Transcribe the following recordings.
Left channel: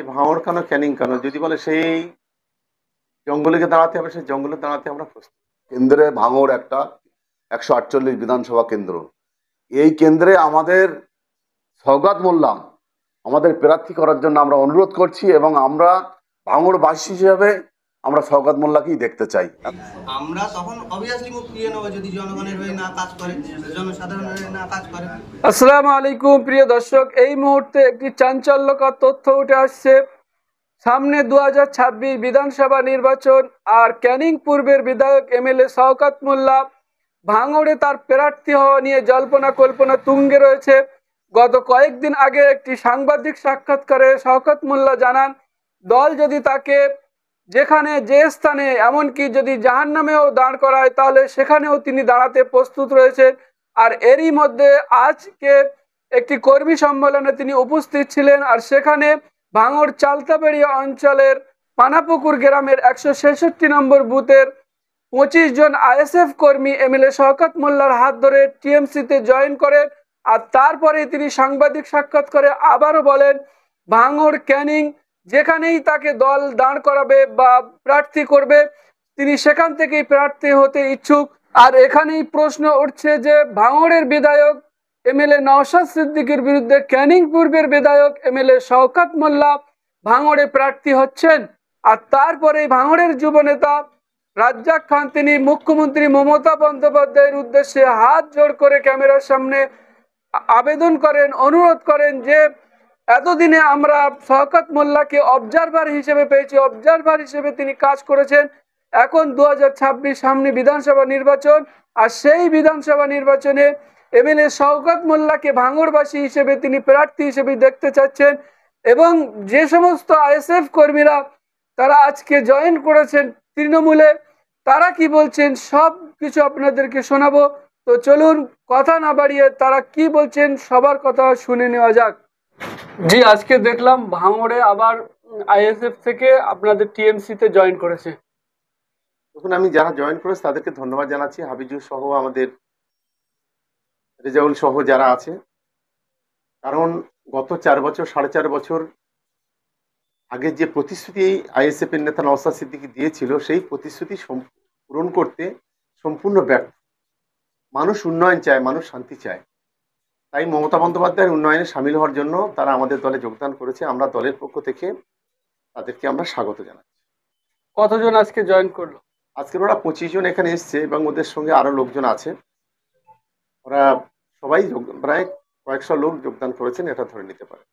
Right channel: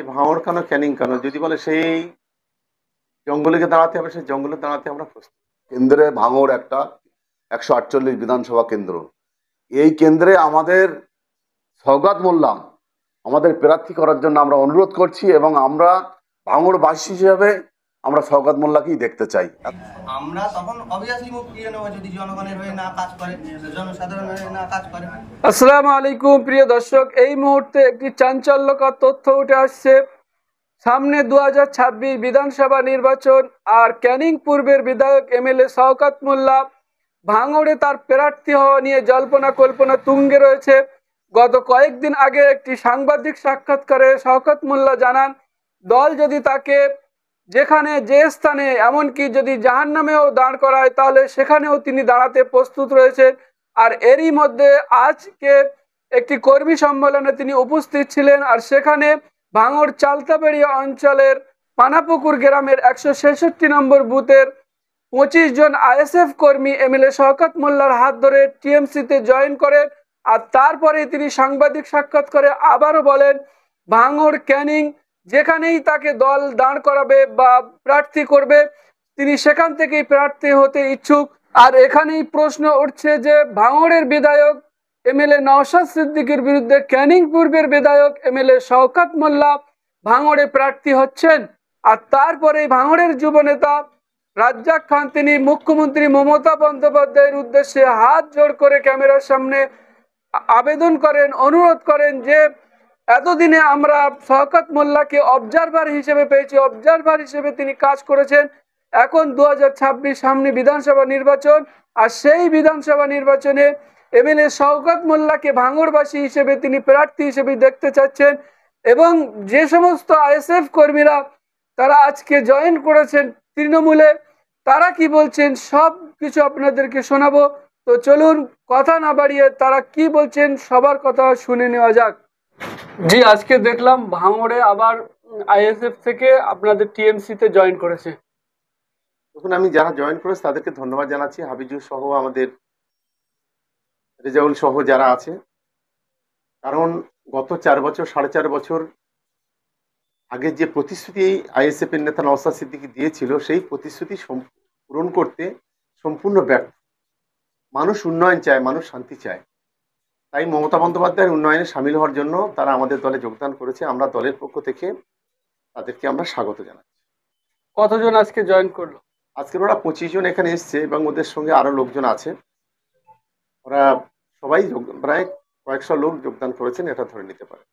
সে ভাঙড় কেন, ক্যানিং কেন, যদি বলে সেই জঙ্গলে দাঁড়াতে হবে, সেই জঙ্গলে দাঁড়াতে আমরা প্রস্তুত। কেন্দ্রে ভাঙড় একটা 148 বিধানসভা কেন্দ্র। এই কেন্দ্রে আমাদের সওগাত মোল্লা আমাদের প্রার্থী করার জন্য আমরা অনুরোধ করছি, এবং আমরা ভাঙড়বাসী হিসেবে আমরা সওগাত মোল্লাকেই দেখতে চাই। আমরা তখন অবভিয়াসলি মুখ ফিরিয়ে নেবো যদি জনগণের হয়ে না কাজ করে, জনসাধারণের হয়ে না কাজ করে। আসসালামু আলাইকুম প্রিয় দর্শক, এই মুহূর্তে একটি চাঞ্চল্যকর তথ্য উঠে আসছে। সামনে 2026 বিধানসভা নির্বাচন, আর ক্যানিং পূর্বের বিধায়ক এমএলএ শওকত মোল্লা ভাঙড়ে তার প্রার্থী হওয়া নিয়ে জল্পনা কল্পনা তুঙ্গে রয়েছে। গত কয়েকদিন আগে একটি সাংবাদিক সাক্ষাৎকারে শওকত মোল্লা জানান, দল যদি তাকে যেখানে যে স্থানে, এমনকি যদি জাহান্নামেও দাঁড় করায়, তাহলে সেখানেও তিনি দাঁড়াতে প্রস্তুত রয়েছেন। আর এরই মধ্যে আজকে একটি কর্মী সম্মেলনে তিনি উপস্থিত ছিলেন, আর সেখানে ভাঙড় চালতাবাড়ি অঞ্চলের পানাপুকুর গ্রামের 166 নম্বর বুথের 25 জন আইএসএফ কর্মী এমএলএ শওকত মোল্লার হাত ধরে টিএমসিতে জয়েন করেন। আর তারপরে তিনি সাংবাদিক সাক্ষাৎ করে আবারও বলেন, ভাঙড় ক্যানিং যেখানেই তাকে দল দাঁড় করাবে বা প্রার্থী করবে, তিনি সেখান থেকেই প্রার্থী হতে ইচ্ছুক। আর এখানেই প্রশ্ন উঠছে যে ভাঙড়ের বিধায়ক এমএলএ নওশাদ সিদ্দিকীর বিরুদ্ধে ক্যানিং পূর্বের বিধায়ক এমএলএ শওকত মোল্লা ভাঙড়ে প্রার্থী হচ্ছেন। আর তারপরে ভাঙড়ের যুবনেতা রাজ্জাক খান তিনি মুখ্যমন্ত্রী মমতা বন্দ্যোপাধ্যায়ের উদ্দেশ্যে হাত জোড় করে ক্যামেরার সামনে আবেদন করেন, অনুরোধ করেন যে এতদিনে আমরা শওকত মোল্লাকে অবজারভার হিসেবে পেয়েছি, অবজারভার হিসেবে তিনি কাজ করেছেন। এখন 2026 সামনে বিধানসভা নির্বাচন, আর সেই বিধানসভা নির্বাচনে এমএলএ শওকত মোল্লাকে ভাঙড়বাসী হিসেবে তিনি প্রার্থী হিসেবে দেখতে চাচ্ছেন। এবং যে সমস্ত আইএসএফ কর্মীরা তারা আজকে জয়েন করেছেন তৃণমূলে, তারা কি বলছেন সব কিছু আপনাদেরকে শোনাবো। তো চলুন কথা না বাড়িয়ে তারা কি বলছেন সবার কথা শুনে নেওয়া যাক। জি, আজকে দেখলাম ভাঙড়ে আবার আইএসএফ থেকে আপনাদের টিএমসিতে জয়েন করেছে। তখন আমি যারা জয়েন করেছে তাদেরকে ধন্যবাদ জানাচ্ছি, হাবিজুর সহ আমাদের রেজাউল সহ যারা আছে। কারণ গত 4 বছর 4.5 বছর আগে যে প্রতিশ্রুতি আইএসএফ এর নেতা নওশাদ সিদ্দিকী দিয়েছিল, সেই প্রতিশ্রুতি পূরণ করতে সম্পূর্ণ ব্যর্থ। মানুষ উন্নয়ন চায়, মানুষ শান্তি চায়, তাই মমতা বন্দ্যোপাধ্যায়ের উন্নয়নে সামিল হওয়ার জন্য তারা আমাদের দলে যোগদান করেছে। আমরা দলের পক্ষ থেকে তাদেরকে আমরা স্বাগত জানাচ্ছি। কতজন আজকে জয়েন করলো? আজকের ওরা 25 জন এখানে এসছে, এবং ওদের সঙ্গে আরো লোকজন আছে। ওরা সবাই প্রায় কয়েকশো লোক যোগদান করেছেন, এটা ধরে নিতে পারে।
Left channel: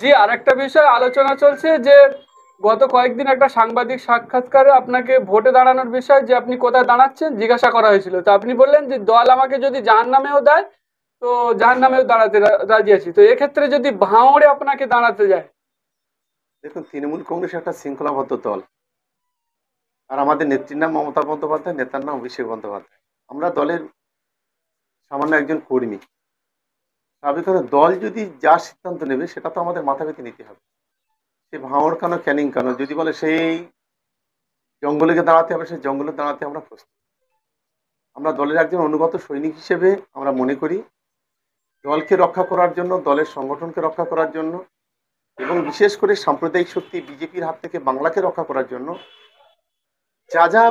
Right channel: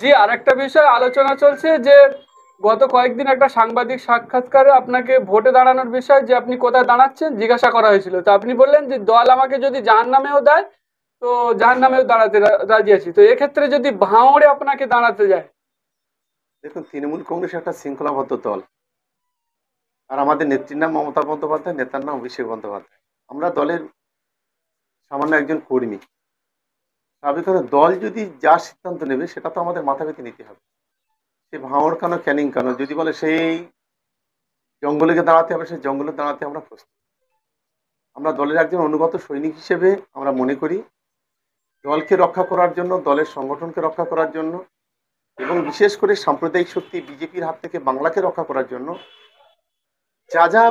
জি, আরেকটা বিষয় আলোচনা চলছে যে গত কয়েকদিন একটা সাংবাদিক সাক্ষাৎকারে আপনাকে ভোটে দাঁড়ানোর বিষয়, যে আপনি কোথায় দাঁড়াচ্ছেন জিজ্ঞাসা করা হয়েছিল, তো আপনি বললেন যে দল আমাকে যদি জাহান্নামেও দেয় তো জাহান্নামেও দাঁড়াতে রাজি আছি। তো এক্ষেত্রে যদি ভাঙড়ে আপনাকে দাঁড়াতে যায়? দেখুন, তৃণমূল কংগ্রেস একটা শৃঙ্খলাবদ্ধ দল, আর আমাদের নেত্রীর নাম মমতা বন্দ্যোপাধ্যায়, নেতার নাম অভিষেক বন্দ্যোপাধ্যায়। আমরা দলের সামান্য একজন কর্মী। স্বাভাবিকভাবে দল যদি যা সিদ্ধান্ত নেবে সেটা তো আমাদের মাথা পেতে নিতে হবে। সে ভাঙড় কেন, ক্যানিং কেন, যদি বলে সেই জঙ্গলে দাঁড়াতে হবে, সেই জঙ্গলে দাঁড়াতে আমরা প্রস্তুত। আমরা দলের একজন অনুগত সৈনিক হিসেবে আমরা মনে করি দলকে রক্ষা করার জন্য, দলের সংগঠনকে রক্ষা করার জন্য, এবং বিশেষ করে সাম্প্রদায়িক শক্তি বিজেপির হাত থেকে বাংলাকে রক্ষা করার জন্য যা যা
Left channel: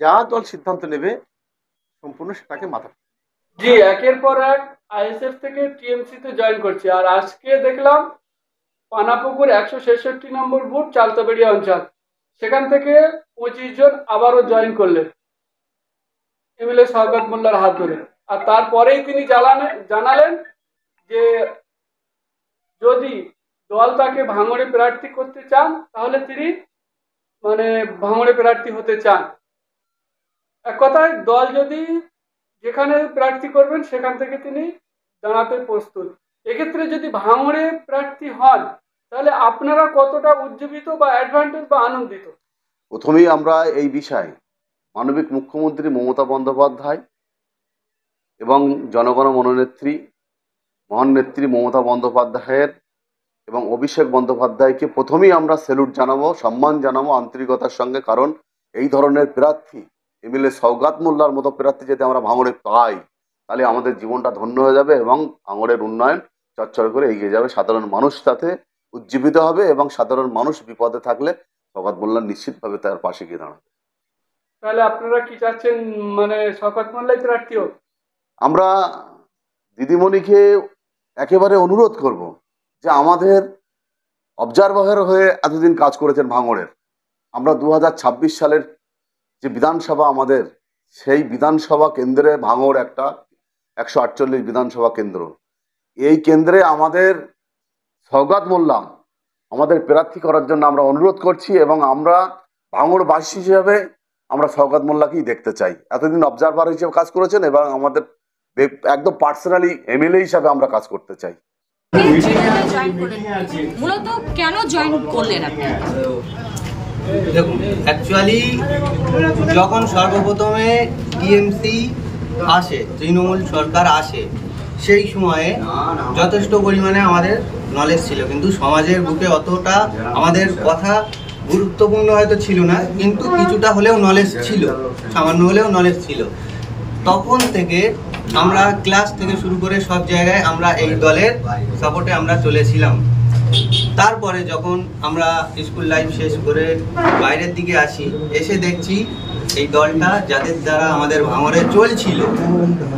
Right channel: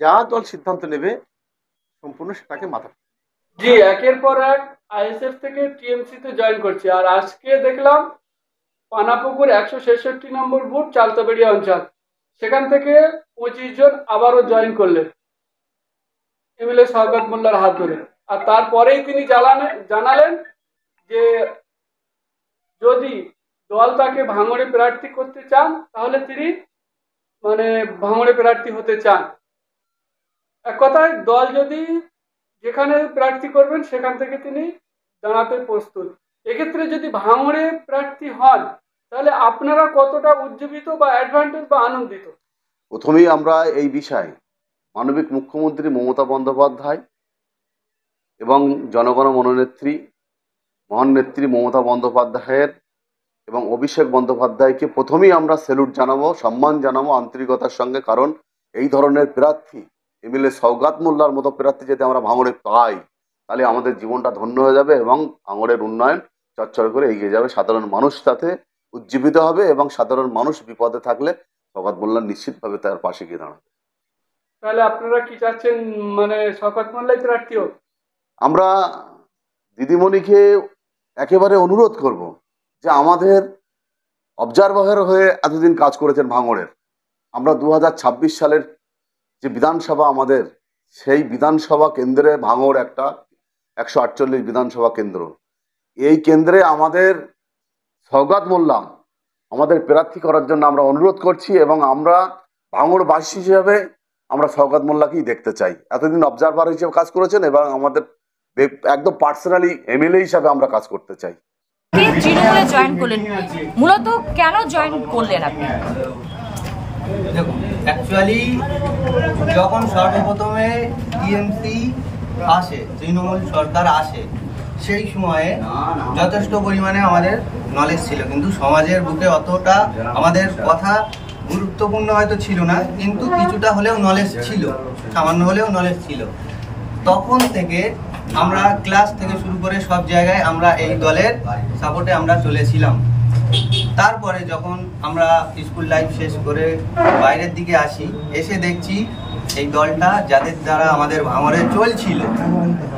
যা দল সিদ্ধান্ত নেবে সম্পূর্ণ সেটাকে মাথা। জি, একের পর এক আইএসএফ থেকে টিএমসি তে জয়েন করছে। আর আজকে দেখলাম পানাপুকুর 166 নম্বর বুথ চালতাবাড়ি অঞ্চল, সেখান থেকে 25 জন আবারও জয়েন করলেন এমএলএ শওকত মোল্লার হাত ধরে। আর তারপরেই তিনি জানালেন যে যদি দল তাকে ভাঙড়ে প্রার্থী করতে চান তাহলে তিনি ভাঙড়ে প্রার্থী হতে চান। এক কথায় দল যদি যেখানে প্রার্থী করবেন সেখান থেকে তিনি দাঁড়াতে প্রস্তুত। এক্ষেত্রে যদি ভাঙড়ে প্রার্থী হন তাহলে আপনারা কতটা উজ্জীবিত বা অ্যাডভান্টেজ বা আনন্দিত? প্রথমেই আমরা এই বিষয়ে মানবিক মুখ্যমন্ত্রী মমতা বন্দ্যোপাধ্যায় এবং জনগণ মননেত্রী মহান নেত্রী মমতা বন্দ্যোপাধ্যায়ের এবং অভিষেক বন্দ্যোপাধ্যায়কে প্রথমেই আমরা স্যালুট জানাবো, সম্মান জানাবো আন্তরিকতার সঙ্গে। কারণ এই ধরনের প্রার্থী এমএলএ শওকত মোল্লার মতো প্রার্থী যদি আমরা ভাঙড়ে পাই তাহলে আমাদের জীবনটা ধন্য হয়ে যাবে, এবং ভাঙড়ের উন্নয়ন চচ্চর করে এগিয়ে যাবে, সাধারণ মানুষ তাতে উজ্জীবিত হবে এবং সাধারণ মানুষ বিপদে থাকলে শওকত মোল্লা নিশ্চিতভাবে তার পাশে গিয়ে দাঁড়াবে। তাহলে আপনারা কি চাচ্ছেন, মানে শওকত মোল্লাই প্রার্থী হোক? আমরা দিদিমণিকে একেবারে অনুরোধ করব যে আমাদের অবজারভার হয়ে এতদিন কাজ করেছেন ভাঙড়ের। আমরা 2026 সালের যে বিধানসভা আমাদের, সেই বিধানসভা কেন্দ্রে ভাঙড় একটা 148 বিধানসভা কেন্দ্র। এই কেন্দ্রে আমাদের শওকত মোল্লা আমাদের প্রার্থী করার জন্য আমরা অনুরোধ করছি এবং আমরা ভাঙড়বাসী হিসেবে আমরা শওকত মোল্লাকেই দেখতে চাই। এতদিন অবজারভার হিসেবে কাজ করেছেন এবং আমাদের একদম পার্সোনালি এমএলএ হিসাবে আমরা কাজ করতে চাই। জয়েন করলেন, মূলত কেন জয়েন করলেন আপনি? দেখুন, অ্যাকচুয়ালি যখন সর্বপ্রথমে টিএমসি আসে, তৃণমূল সরকার আসে, সেই সময়ে যথেষ্ট পরিমাণে আমাদের নলেজ ছিল, কিন্তু সমাজের বুকে অতটা আমাদের কথা গুরুত্বপূর্ণ হয়তো ছিল না, কিন্তু কিছুটা হলেও নলেজ ছিল, সামান্য হলেও নলেজ ছিল। তখন থেকে আমরা ক্লাস থেকে শুরু করে সব জায়গায় আমরা এই দলের সাপোর্টে আমরা চলেছিলাম। তারপরে যখন আমরা স্কুল লাইফ শেষ করে বাইরের দিকে আসি, এসে দেখছি এই দলটা যাদের দ্বারা আমাদের ভাঙড়ে চলছিল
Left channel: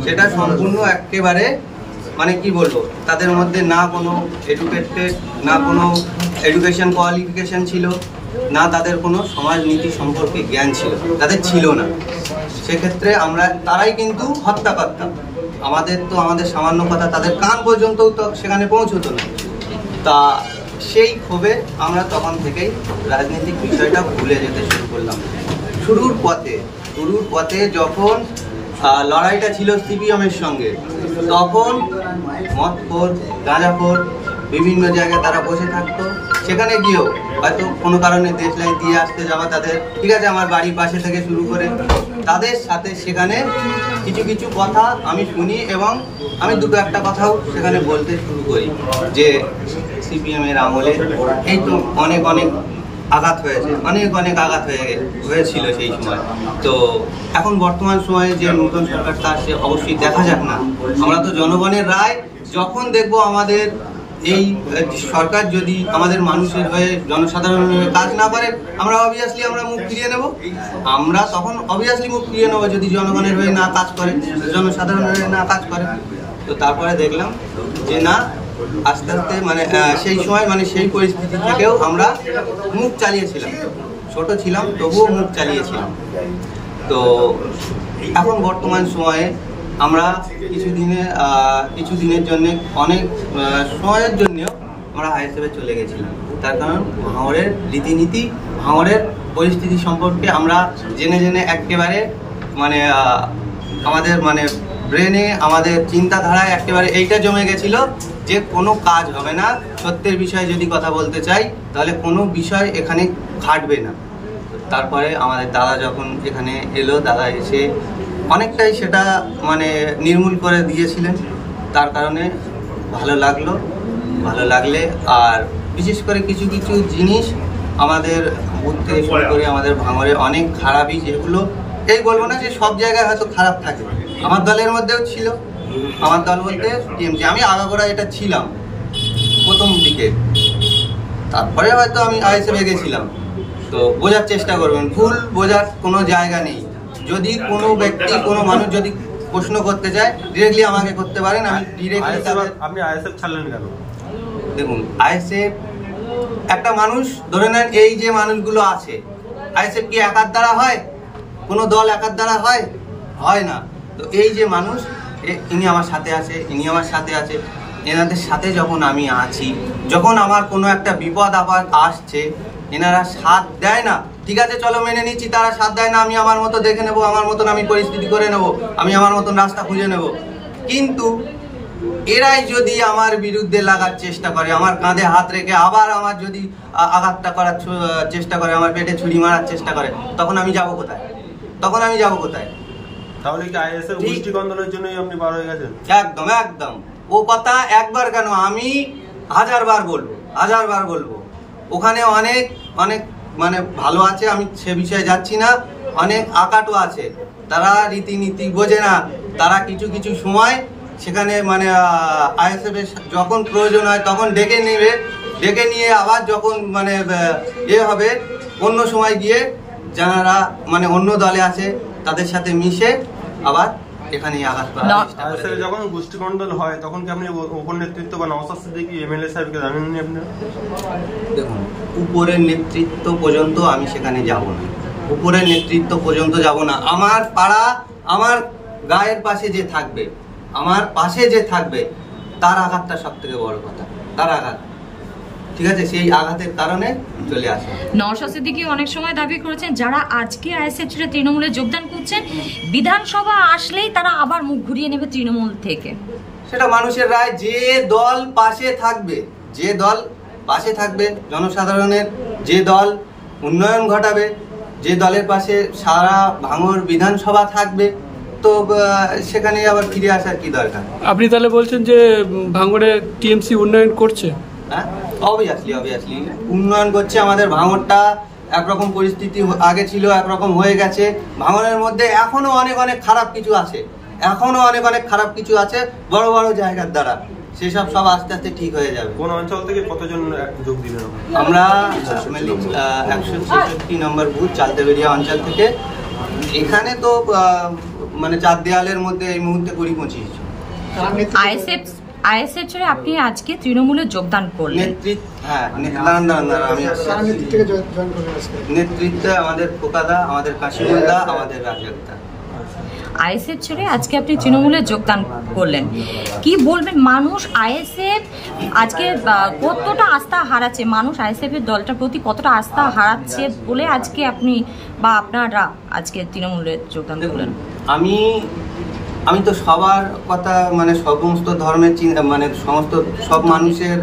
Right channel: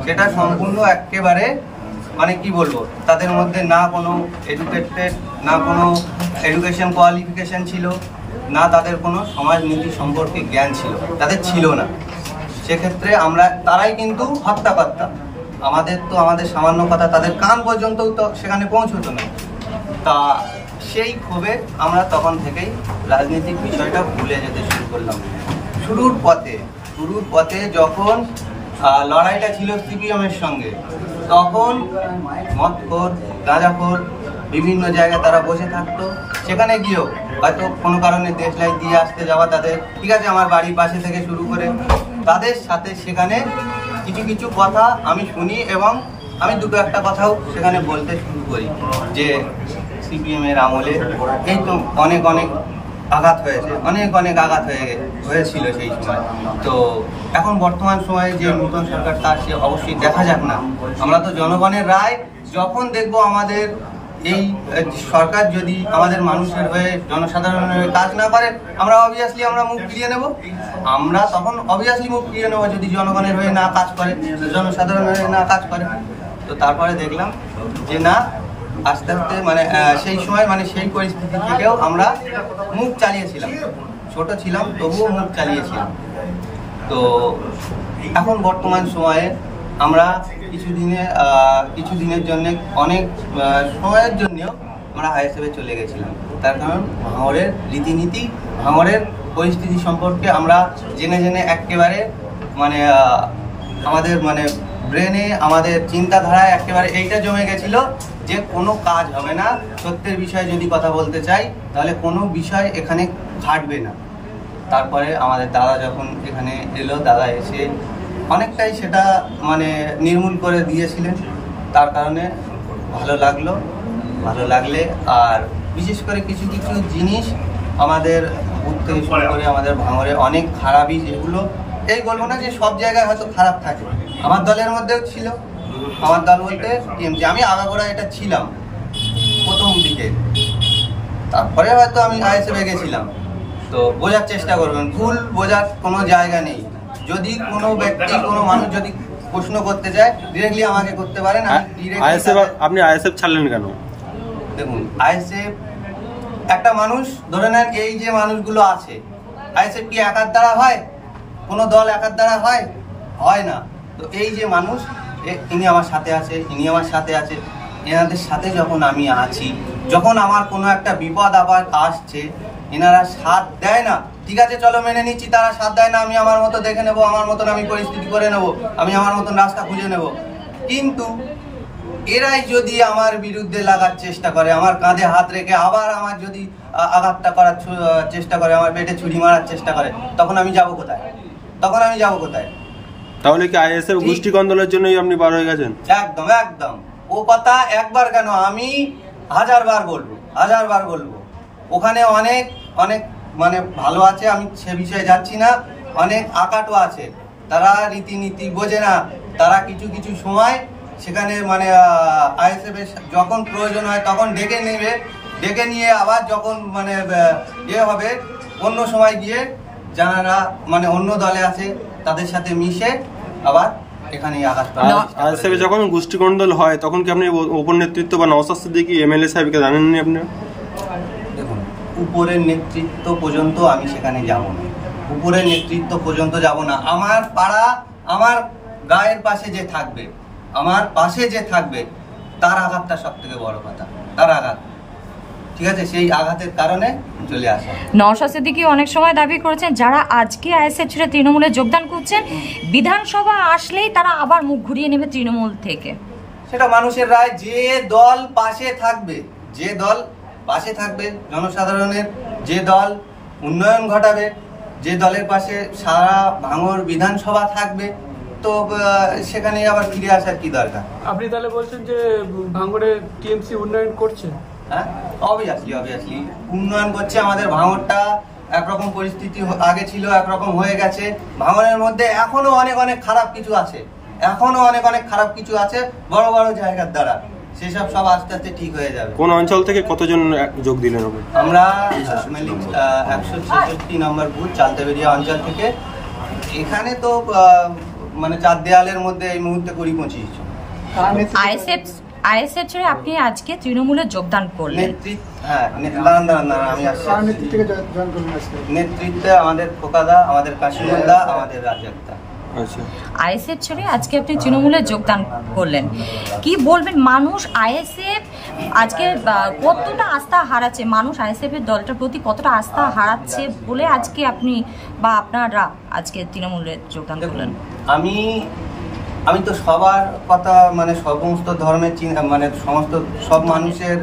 সেটা সম্পূর্ণ একেবারে মানে কি বলবো, তাদের মধ্যে না কোনো এডুকেটেড, না কোনো এডুকেশন কোয়ালিফিকেশন ছিল, না তাদের কোনো সমাজনীতি সম্পর্কে জ্ঞান ছিল, তাদের ছিল না। সেক্ষেত্রে আমরা তারাই কিন্তু হত্যা করতাম। আমাদের সামান্য কথা তাদের কান পর্যন্তও তো সেখানে পৌঁছতো না। তা সেই ক্ষোভে আমরা তখন থেকেই রাজনৈতিক বিষয়টা ভুলে যেতে শুরু করলাম। শুরুর পথে যখন লড়াইটা ছিল সিপিএমের সঙ্গে, তখন মদখোর, গাঁজাখোর বিভিন্ন জায়গায় তারা বসে থাকতো। সেখানে গিয়েও হয়তো কোনো কারণে দেশলাই দিয়ে আসতে যাওয়া তাদের, ঠিক আছে, আমার বাড়ির পাশে থেকে শুরু করে তাদের সাথে সেখানে কিছু কিছু কথা আমি শুনি এবং আমি দুটো একটা কথাও সেখানে বলতে শুরু করি যে সিপিএমের আমলে এই তো অনেক আঘাত হয়েছে, অনেক আঘাত হয়েছিল সেই সময়। তো এখন বর্তমান সময়ে যে নতুন সরকারটা আসছে, অবশ্যই দেখা যাক না, আমরা তো জনগণের রায় যখন দেখব আমাদের এই সরকার যদি আমাদের মানুষের হয়ে, জনসাধারণের হয়ে কাজ না পারে, আমরা অবভিয়াসলি আমরা মুখ ফিরিয়ে নেব। আমরা তখন অবভিয়াসলি মুখ ফিরিয়ে নেব যদি জনগণের হয়ে না কাজ করে, জনসাধারণের হয়ে না কাজ করে। তো তারপরে দেখলাম যে না, আস্তে আস্তে মানে সেই সময় মানে সেই পরিস্থিতি থেকেও আমরা মুখ চালিয়েছিলাম, ছোট ছিলাম তবুও মুখ চালিয়েছিলাম। তো এখন বর্তমান সময়ে আমরা কিছুদিনের জন্য, অনেক সময়ের জন্যও আমরা আইএসএফে চলে গেছিলাম। তার কারণ ভাঙড়ের রীতিনীতি, ভাঙড়ের পরিস্থিতি সম্পর্কে আমরা জেনে একেবারে মানে আমাদের মানে ব্রেনে, আমাদের চিন্তাধারায় একেবারে এইটা জমে গেছিল যে কোনো কাজ হবে না। সত্যের বিষয়ে যদি কথা বলতে চাই তাহলে কোনো বিষয় এখানে খাটবে না। তারপরে আমাদের দাদা যখন এখানে এলো, দাদা এসে অনেকটাই সেটা মানে নির্মূল করে দিয়েছিলেন। তার কারণে ভালো লাগলে আর বিশেষ করে কিছু কিছু জিনিস আমাদের বুথ থেকে শুরু করে আমাদের ভাঙড়ে অনেক খারাপই, যেগুলো এই বলবো না যে সব জায়গায় হয়তো খারাপ থাকে, আমার দলের মধ্যেও ছিল। আমার দল বলতে টিএমসি, আমি আগাগোড়া এটা ছিলাম প্রথম দিকে, তারপরে হয়তো আমি আইএসএফে গেছিলাম। তো বোঝার চেষ্টা করবেন, ভুল বোঝার কোনো জায়গা নেই। যদি কোনো ব্যক্তি, কোনো মানুষ যদি প্রশ্ন করতে চায়, ডিরেক্টলি আমাকে করতে পারেন। আমি ডিরেক্টলি। আপনি আইএসএফ ছাড়লেন কেন? দেখুন, আইএসএফ একটা মানুষ, ধরে নেন এই যে মানুষগুলো আছে, আইএসএফ কি একার দ্বারা হয়? কোনো দল একার দ্বারা হয় না। তো এই যে মানুষ, ইনি আমার সাথে আছে, ইনি আমার সাথে আছে, এনাদের সাথে যখন আমি আছি, যখন আমার কোনো একটা বিপদ আপদ আসছে, এনারা সাথ দেয় না। ঠিক আছে, চলো মেনে নিচ্ছি, তারা সাথ দেয় না, আমি আমার মতো দেখে নেব, আমার মতন আমি পরিস্থিতি করে নেব, আমি আমার মতো রাস্তা খুঁজে নেব। কিন্তু এরাই যদি আমার বিরুদ্ধে লাগার চেষ্টা করে, আমার কাঁধে হাত রেখে আবার আমার যদি আঘাতটা করার চেষ্টা করে, আমার পেটে ছুরি মারার চেষ্টা করে, তখন আমি যাব কোথায়? তাহলে কি আইএসএফ গোষ্ঠী কন্দলের জন্যই আপনি বার হয়ে গেছেন? একদম। ও কথা একবার কেন, আমি হাজারবার বলবো। ওখানে অনেক মানে ভালো আছে, আমি সে বিষয়ে যাচ্ছি না। অনেক আকাটও আছে, তারা রীতিনীতি বোঝে না। তারা কিছু সময় সেখানে মানে আইএসএফ যখন প্রয়োজন হয় তখন ডেকে নেবে, ডেকে নিয়ে আবার যখন মানে হবে অন্য সময় গিয়ে যারা মানে অন্য দলে আছে তাদের সাথে মিশে আবার এখানে আঘাত করা। আইএসএফ যখন গোষ্ঠীকন্দল হয় তখন কি আপনি উপর নেতৃত্ব বা নওশাদ সিদ্দিকী এমএলএ সাহেবকে জানেননি আপনি? দেখুন, উপরের নেতৃত্ব পর্যন্ত আমি সেখানে যাব না, উপরের নেতৃত্ব পর্যন্ত যাব না। আমার পাড়া, আমার গায়ের পাশে যে থাকবে, আমার পাশে যে থাকবে, তার আঘাতটা সব থেকে বড় কথা, তার আঘাত, ঠিক আছে? সেই আঘাতের কারণে চলে আসা। নওশাদ সিদ্দিকী অনেক সময় দাবি করেছেন যারা আজকে আইএসএফ ছেড়ে তৃণমূলে যোগদান করছেন বিধানসভা আসলেই তারা আবার মুখ ঘুরিয়ে নেবে তৃণমূল থেকে। সেটা মানুষের রায়। যে দল পাশে থাকবে, যে দল পাশে থাকবে জনসাধারণের, যে দল উন্নয়ন ঘটাবে, যে দলের পাশে সারা ভাঙড় বিধানসভা থাকবে, তো সেখানে আবার ফিরে আসার কি দরকার? আপনি তাহলে বলছেন যে ভাঙড়ে টিএমসি উন্নয়ন করছে? হ্যাঁ, অবভিয়াসলি উন্নয়ন করছে। আমাদের ভাঙড়টা একরকম পরিস্থিতি আগে ছিল, একরকম হয়ে গেছে। ভাঙড়ের মধ্যে এখনো অনেক খারাপ কিছু আছে, এখনো অনেক খারাপ কিছু আছে বড় বড় জায়গার দ্বারা, সেসব সব আস্তে আস্তে ঠিক হয়ে যাবে। কোন অঞ্চল থেকে কতজন যোগ দিলেন? আমরা 166 নম্বর বুথ চালতেবেরিয়া অঞ্চল থেকে। এখানে তো মানে 4 দেয়ালের মধ্যে এই মুহূর্তে 20-25 জন। আইএসএফ ছেড়ে আপনি আজকে তৃণমূলে যোগদান করলেন। হ্যাঁ, আমি আসছি। নেতৃত্বে আমাদের খোকাদা, আমাদের কাশিমুন্দা, আমাদের রাজ্জাকদা। আইএসএফ ছেড়ে আজকে আপনি তৃণমূলে যোগদান করলেন, কি বলবেন? মানুষ আইএসএফ আজকে কতটা আস্থা হারাচ্ছে, মানুষ আইএসএফ এর দলটার প্রতি কতটা আস্থা হারাচ্ছে বলে আজকে আপনি বা আপনারা আজকে তৃণমূলে যোগদান করলেন? আমি তো সবার কথা মানে সমস্ত ধর্মের চিন্তা মানে সব মানুষের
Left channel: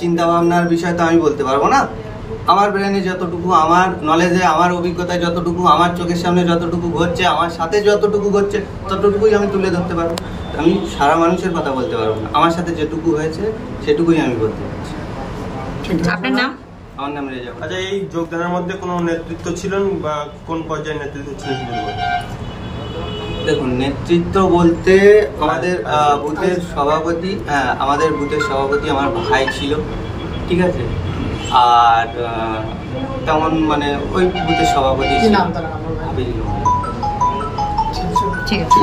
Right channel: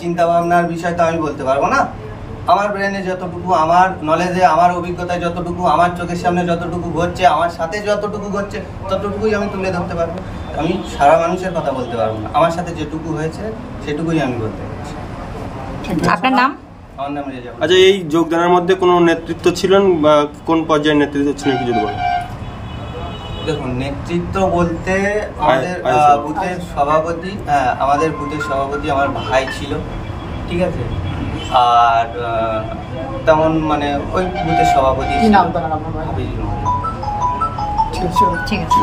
চিন্তা ভাবনার বিষয় তো আমি বলতে পারবো না। আমার ব্রেনে যতটুকু, আমার নলেজে, আমার অভিজ্ঞতায় যতটুকু, আমার চোখের সামনে যতটুকু ঘটছে, আমার সাথে যতটুকু ঘটছে, ততটুকুই আমি তুলে ধরতে পারবো। আমি সারা মানুষের কথা বলতে পারবো না, আমার সাথে যেটুকু হয়েছে সেটুকুই আমি বলতে পারছি। আপনার নাম? আমার নাম রেজা। আচ্ছা, এই যোগদানের মধ্যে কোনো নেতৃত্ব ছিলেন বা কোন পর্যায়ের নেতৃত্ব ছিলেন কিছু বলুন? দেখুন, নেতৃত্ব বলতে আমাদের বুথের সভাপতি, আমাদের বুথের সভাপতি আমার ভাই ছিল, ঠিক আছে? আর তেমন মানে ওই বুথের সভাপতি ছিল হাবিজুল। ঠিক আছে।